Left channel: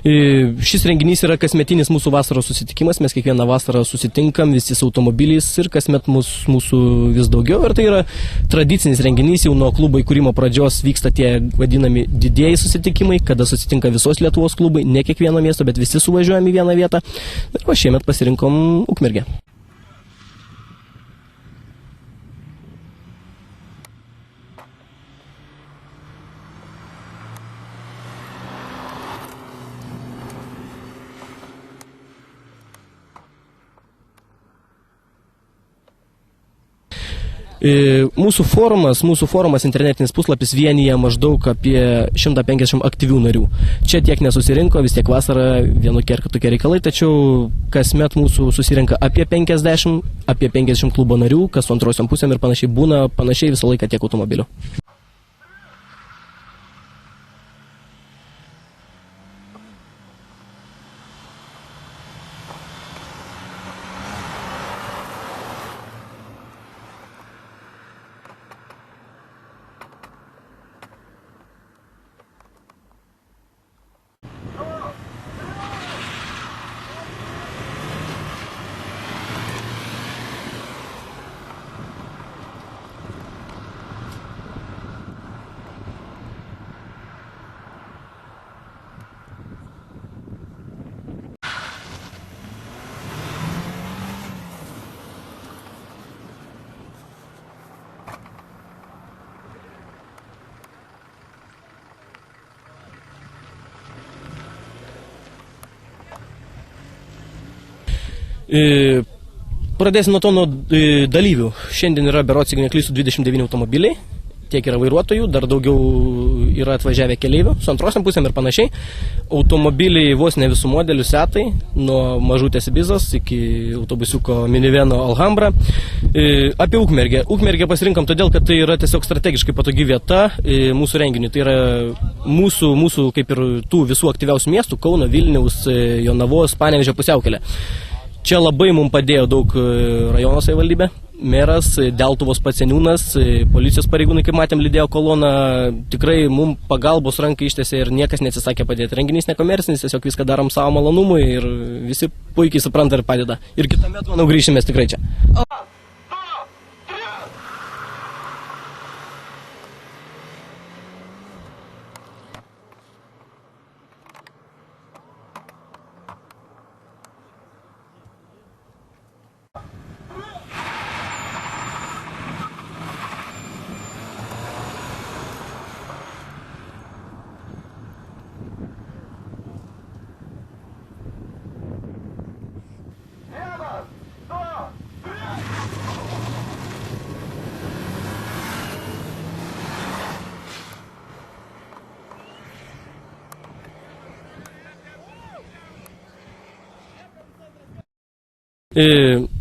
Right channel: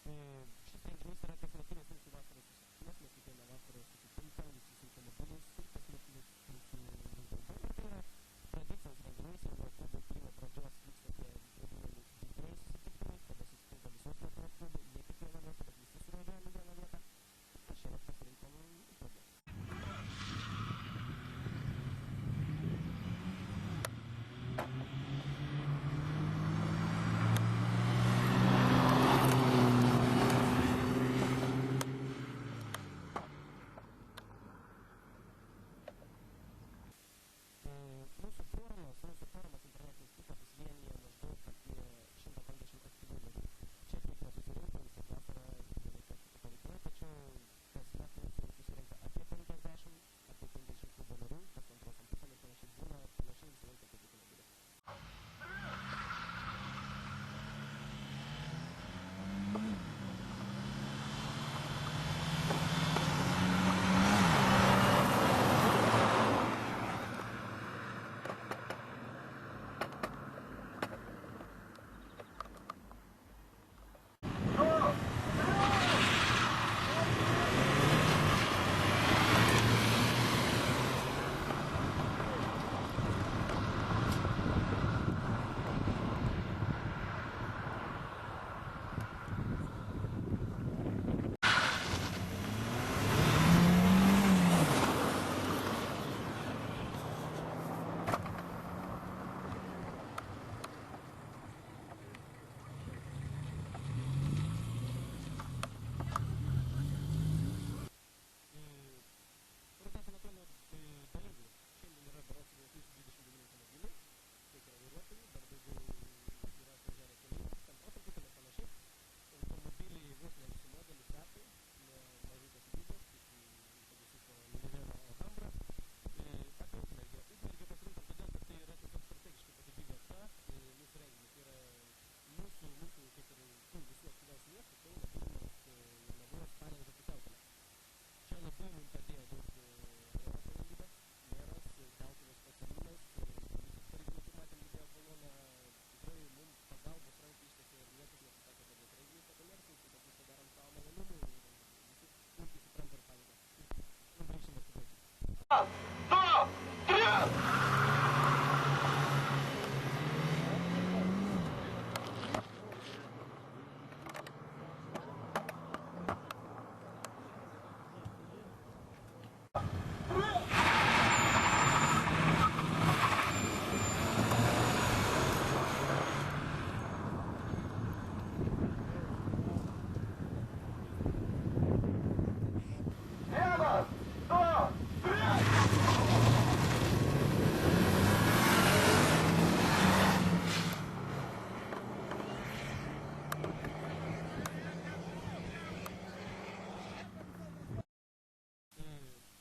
Šis renginys yra kasmetinis mūsų vasaros susitikimas, mes kiekvieną vasarą susitinkam visi su automobiliais ir kasmet mūsų vis daugiau ir tai yra tradicinis renginys, jau nuo klubo įkūrimo pradžios vyksta tie vadinami didieji susitikimai, kada susitinka visos Lietuvos klubai, ne kiekvieno miesto, bet visi suvažiuojam į vieną vietą ir šiemet pasirinkom Ukmergę. Mūsų forumas, internetinis puslapis vienyje maždaug apie 150 aktyvių narių. Čia tiek nesusirinko, vis tiek vasara vienokie ar kitokie reikalai, tačiau kasmet mūsų susirinka apie 50 klubo narių, kas su antrosiom pusėm ir panašiai būna, panašiai visą laiką tiek automobilių. Pradėsim nuo dalyvių. Šiandien yra berods, jeigu neklystu, 29 automobiliai, tiek yra vairuotojų, dar daugiau yra atvažiavę keleivių, su antrosiam pusėm ir panašiai. Automobiliai vos ne visų modelių setai, nuo mažutės Ibizos iki autobusiuko miniveno Alhambra. Apie Ukmergę. Ukmergę pasirinkom todėl, kad tai yra tiesiog strategiškai patogi vieta mūsų renginiui. Tai yra mūsų kaip ir tų visų aktyviausių miestų, Kauno, Vilniaus, Jonavos, Panevėžio pusiaukelė. Čia labai mums padėjo daug rajono savivaldybė, meras, Deltuvos pats seniūnas, policijos pareigūnai, kaip matėm, lydėjo koloną. Tikrai mums pagalbos rankai ištiesė ir niekas neatsisakė padėti. Renginys nekomercinis, tiesiog viską darom savo malonumui ir visi puikiai supranta ir padeda. Ir kitąmet, manau, grįšime tikrai čia.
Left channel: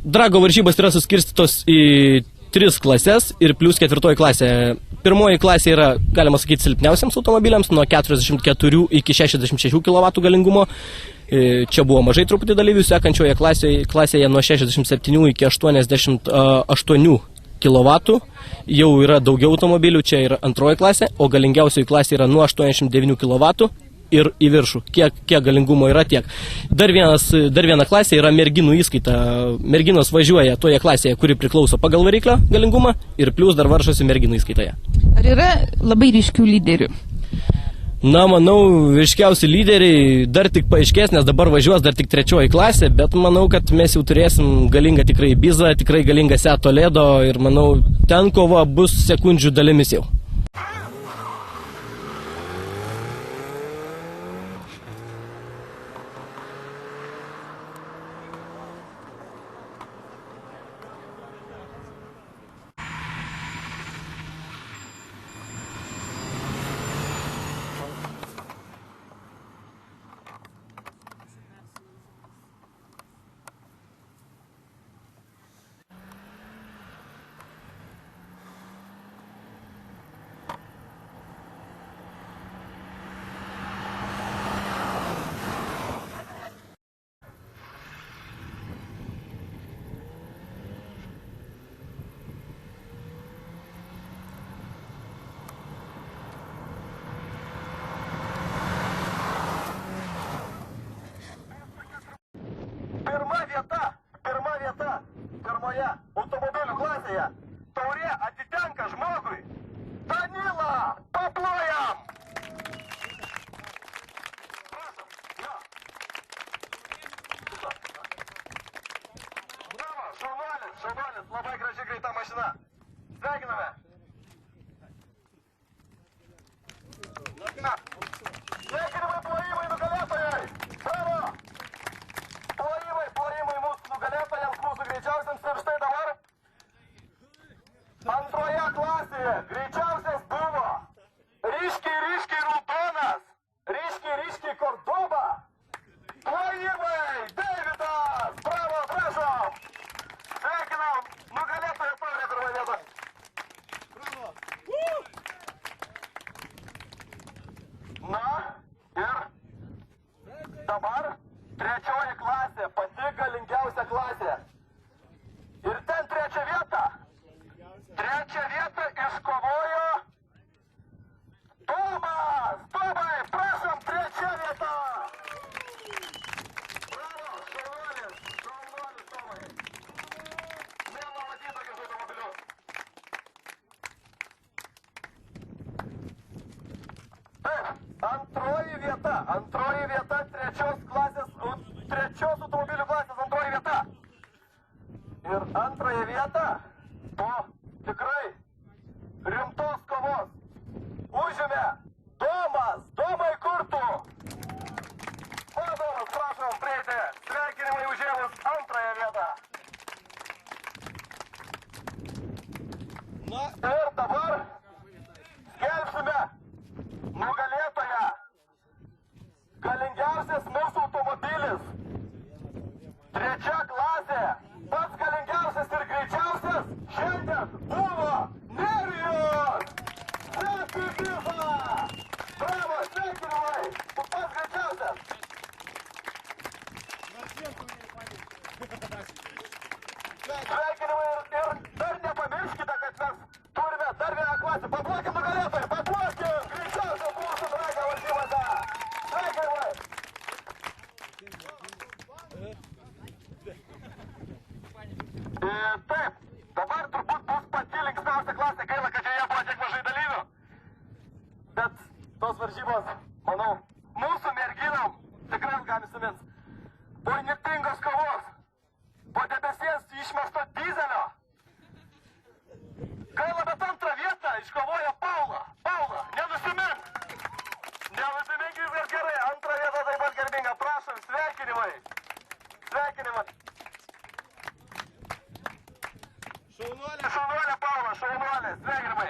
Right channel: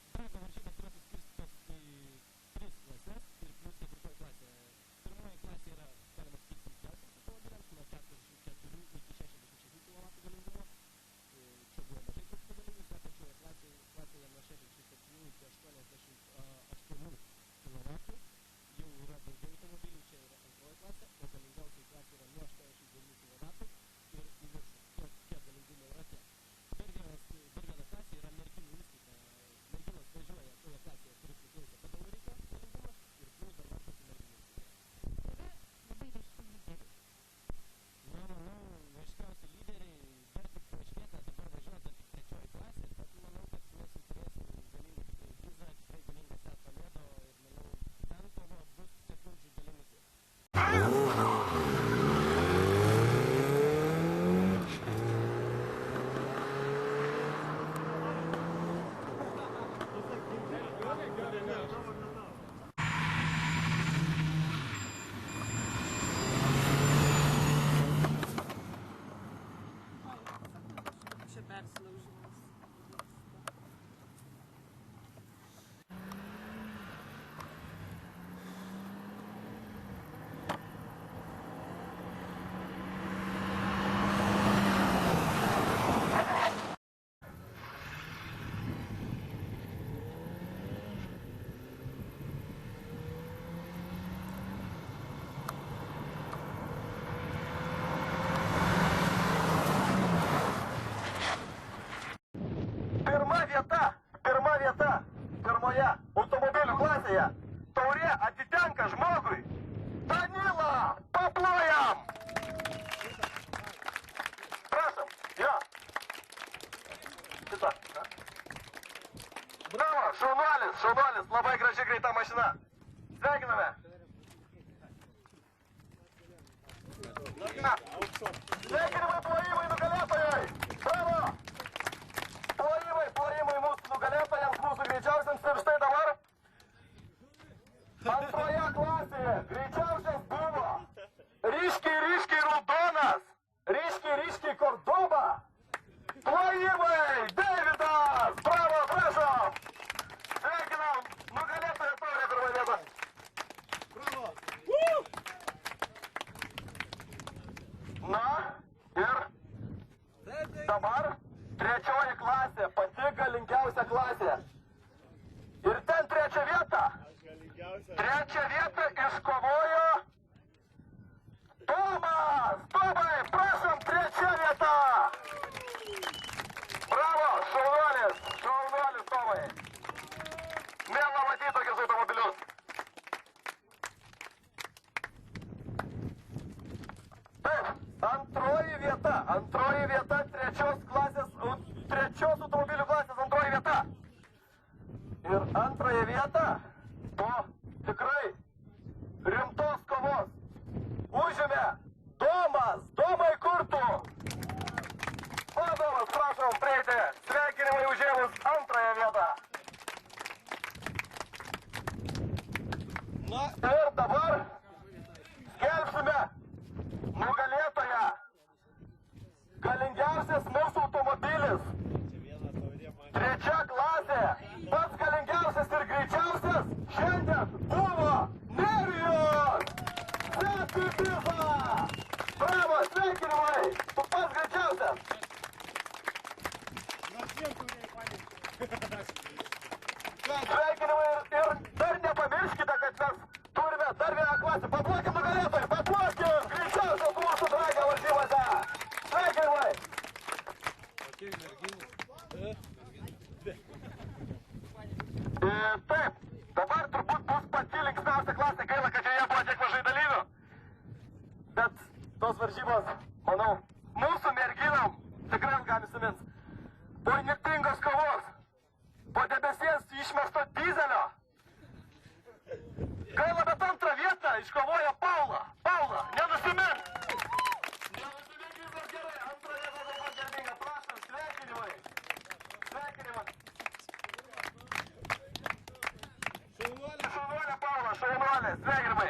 Drago varžybos yra suskirstytos į 3 klases ir plus 4 klasė. Pirmoji klasė yra, galima sakyti, silpniausiams automobiliams, nuo 44 iki 66 kW galingumo. Čia buvo mažai truputį dalyvių, sekančioje klasėje nuo 67 iki 88 kW. Jau yra daugiau automobilių, čia yra antroji klasė, o galingiausioji klasė yra nuo 89 kW. Ir į viršų. Kiek galingumo yra tiek. Dar viena klasė yra merginų įskaita. Merginos važiuoja toje klasėje, kuri priklauso pagal variklio galingumą ir plus dar varžosi merginų įskaitoje. Ar yra labai ryškių lyderių? Na, manau, ryškiausi lyderiai dar tik paaiškės, nes dabar važiuos dar tik 3 klasė, bet manau, kad mes jau turėsim galingą tikrai Ibizą, tikrai galingą Seat Toledo ir manau, ten kova bus sekundžių dalimis jau. mašina. Sveikiname. Sveikinimai, plojimai nugalėtojai. Bravo. Plojimai mūsų nugalėtojams, mūsų greičiausiams. Ir štai dabar antroje klasėje greičiausias buvo ryškiai raudonas, ryškiai Kordoba. Plojimai, Deividas. Bravo, prašom. Sveikinam, nugalėtojo taurė pirmą vietą. Bravo. Na ir dabar trečioji klasė, pati galingiausia klasė. Ir ten trečią vietą iškovojo Tomas. Tomai, prašom, trečia vieta. Bravo, šaunuolis Tomai. Mėla matyti tokius automobilius. Taip, antroji vieta trečios automobilių klasės antroji vieta. Ir antrąją vietą po tikrai rimtos kovos užėmė Tomas. Tomai, kur tu? Tomas, prašom prieiti. Sveikinimai užėmus antrąją vietą. Na ir dabar skelbsime nugalėtoją. Galingiausias mūsų automobilis. Trečia klasė. Pats galingiausias ir greičiausias šiandien buvo Nerijus Zepibiza. Bravo, sveikinimai. Tu pats greičiausias. Sveikinimai ir dar nepamirškite, kad mes turime dar vieną klasę. Paplokim nugalėtojai, paplokim. Greičiausias mūsų dragą varžybose. Sveikinimai. Taip, dabar turbūt bus pati linksmiausia klasė, gaila, kad joje buvo tiek mažai dalyvių. Bet tos varžybos, manau, mūsų merginom tikrai ilgam įsimins. Po įnirtingos kovos, po debesies išmesto dizelio. Gaila, bet antrą vietą iškovojo Paula. Paula, nenusimink. Nenusimink, viskas gerai. Antrą vietą taip pat garbinga. Prašom, sveikinimai. Sveikinimai. Šaunuolė Paula, šaunuolė, sveikinimai.